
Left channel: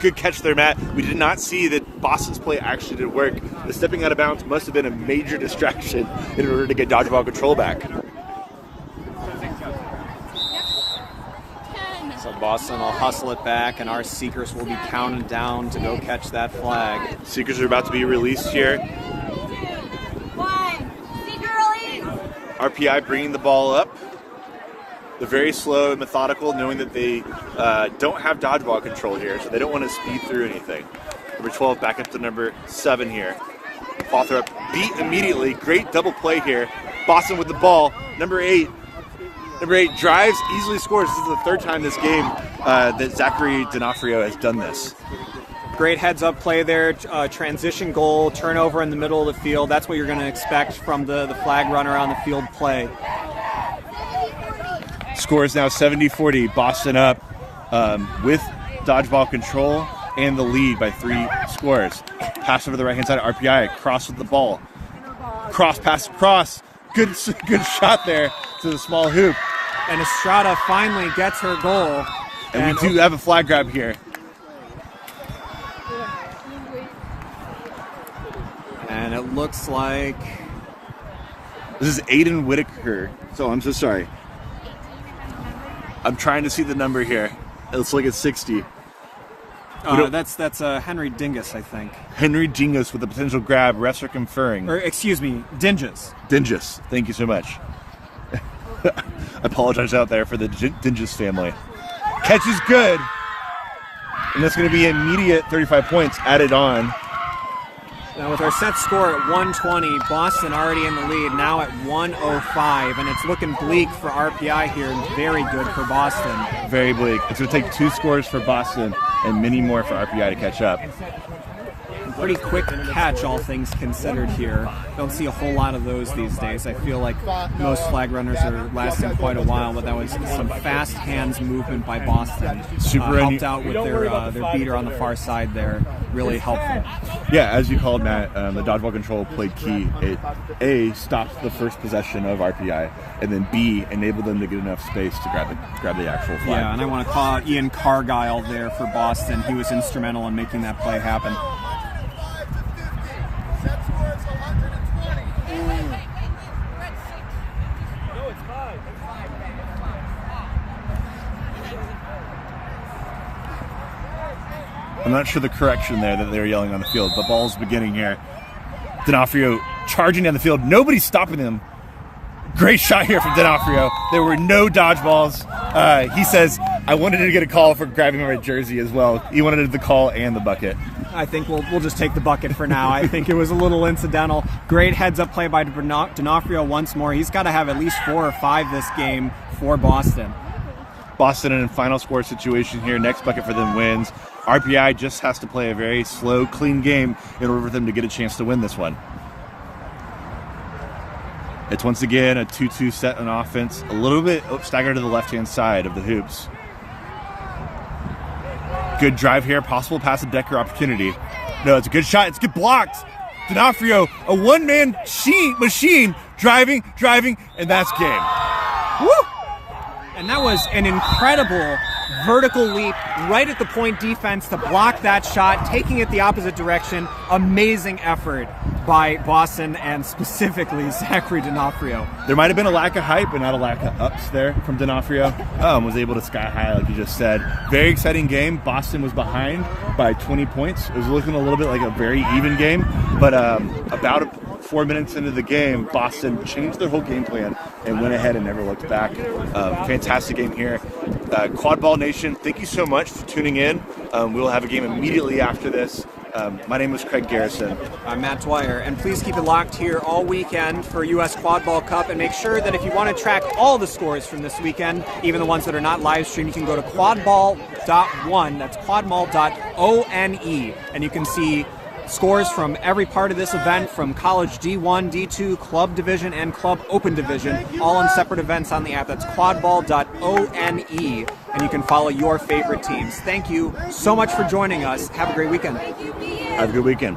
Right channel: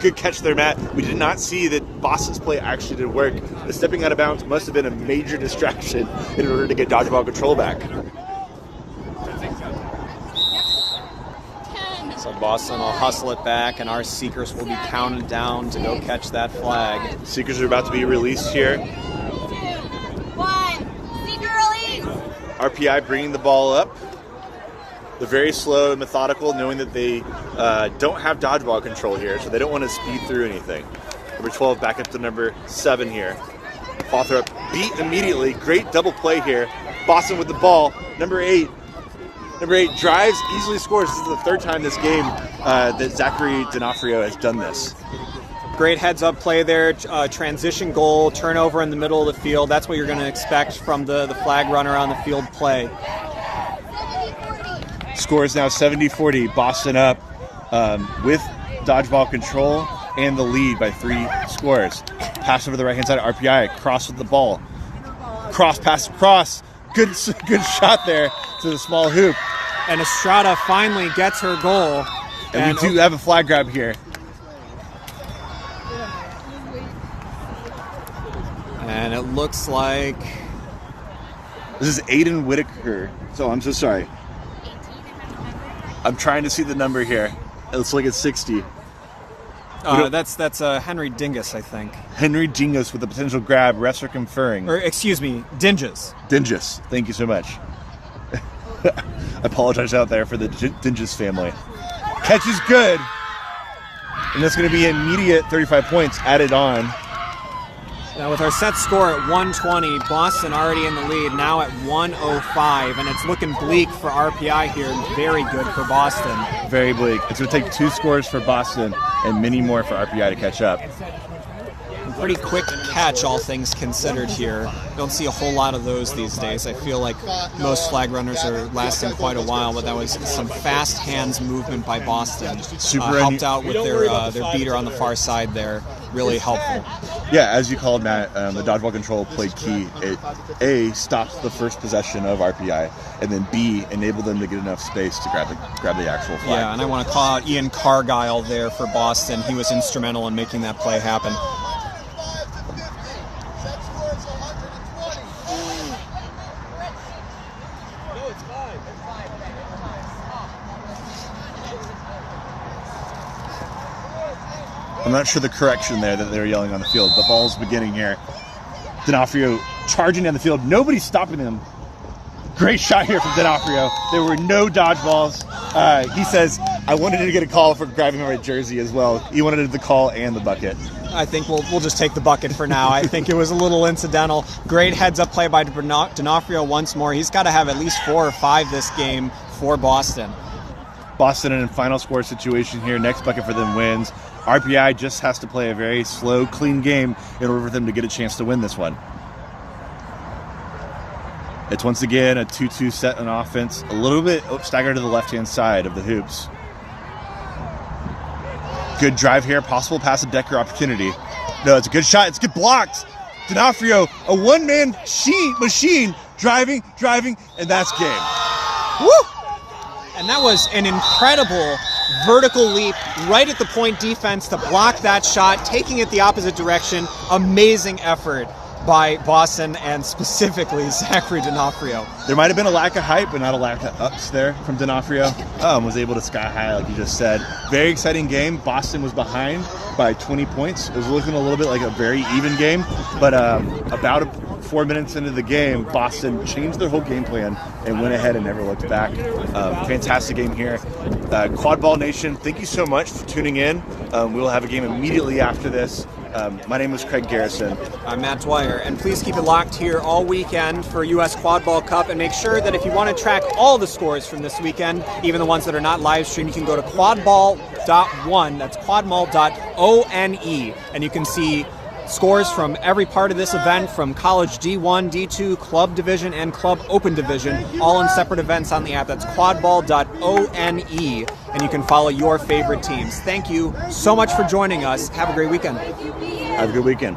Good catch there, Matt. We did not see that Boston's play actually did work. The stepping out of bounds must have been a major distraction in order to get dodgeball control back. So Boston will hustle it back, and our Seekers will be counted down to go catch that flag. Seekers are about to be released here. 2, 1, Seeker release. RPI bringing the ball up. They're very slow and methodical, knowing that they don't have dodgeball control here, so they don't want to speed through anything. Number 12 back up to number 7 here. Ball throw up, beat immediately. Great double play here. Boston with the ball. Number 8 drives, easily scores. This is the third time this game that Zachary D'Onofrio has done this. Great heads-up play there, transition goal, turnover in the middle of the field. That's what you're going to expect from the flag runner on the field play. Score is now 70-40. Boston up with dodgeball control and the lead by 3 scores. Pass over the right-hand side of RPI. Cross with the ball. Cross, pass, cross. Good shot there to the small hoop. And Estrada finally gets her goal. And we do have a flag grab here. And it looks like... This is Aiden Whitaker. So I'm so sorry. I'm trying to see the number here. It looks like it's 60. Oh, that's Henry Dingus, I think. Henry Dingus with a potential grab. Refs are conferring. Or, excuse me, Dingus. Dingus. Thank you so much. I apologize out there for the Dingus family. Catch is good. And that's going to be immediate 35 points added on. Now with our set score at 120, Boston already in the lead, now at 105, and it's looking bleak for RPI here, and very good for Boston. Very bleak. It's going to take 2 scores for Boston and many more for RPI to catch up. Pretty quick catch, all things considered here. Don't see a whole lot of those these days. I feel like most flag runners are lasting quite a while, but that was some fast hands movement by Boston. Helped out with their beater on the far side there. Really helpful. Yeah, as you called, Matt, the dodgeball control played key. It, A, stopped the first possession of RPI, and then B, enabled them to get enough space to grab the actual flag. Yeah, and I want to call out Ian Cargyle there for Boston. He was instrumental in making that play happen. I'm not sure the correction there that they were yelling on the field, but ball's beginning here. D'Onofrio charging down the field. Nobody's stopping him. Great shot here from D'Onofrio. There were no dodgeballs. He says, I wanted to get a call for grabbing a red jersey as well. He wanted the call and the bucket. I think we'll just take the bucket for now. I think it was a little incidental. Great heads-up play by D'Onofrio once more. He's got to have at least 4 or 5 this game for Boston. Boston in a final score situation here. Next bucket for them wins. RPI just has to play a very slow, clean game in order for them to get a chance to win this one. It's once again a 2-2 set on offense. A little bit staggered to the left-hand side of the hoops. Good drive here. Possible pass and Decker opportunity. No, it's a good shot. It's good blocked. D'Onofrio, a one-man machine, driving, and that's game. Woo! And that was an incredible vertical leap right at the point defense to block that shot, taking it the opposite direction. Amazing effort by Boston and specifically Zachary D'Onofrio. There might have been a lack of hype, but not a lack of ups there from D'Onofrio. Was able to sky high, like you just said. Very exciting game. Boston was behind by 20 points. It was looking a little bit like a very even game, but about 4 minutes into the game, Boston changed their whole game plan and went ahead and never looked back. Fantastic game here. Quadball Nation, thank you so much for tuning in. We will have a game immediately after this My name is Craig Garrison. I'm Matt Dwyer, and please keep it locked here all weekend for U.S. Quadball Cup, and make sure that if you want to track all the scores from this weekend, even the ones that are not live streamed, you can go to quadball.one, that's quadball.one, and you can see scores from every part of this event, from college D1, D2, club division, and club open division, all in separate events on the app. That's quadball.one, and you can follow your favorite teams. Thank you so much for joining us. Have a great weekend. Have a good weekend.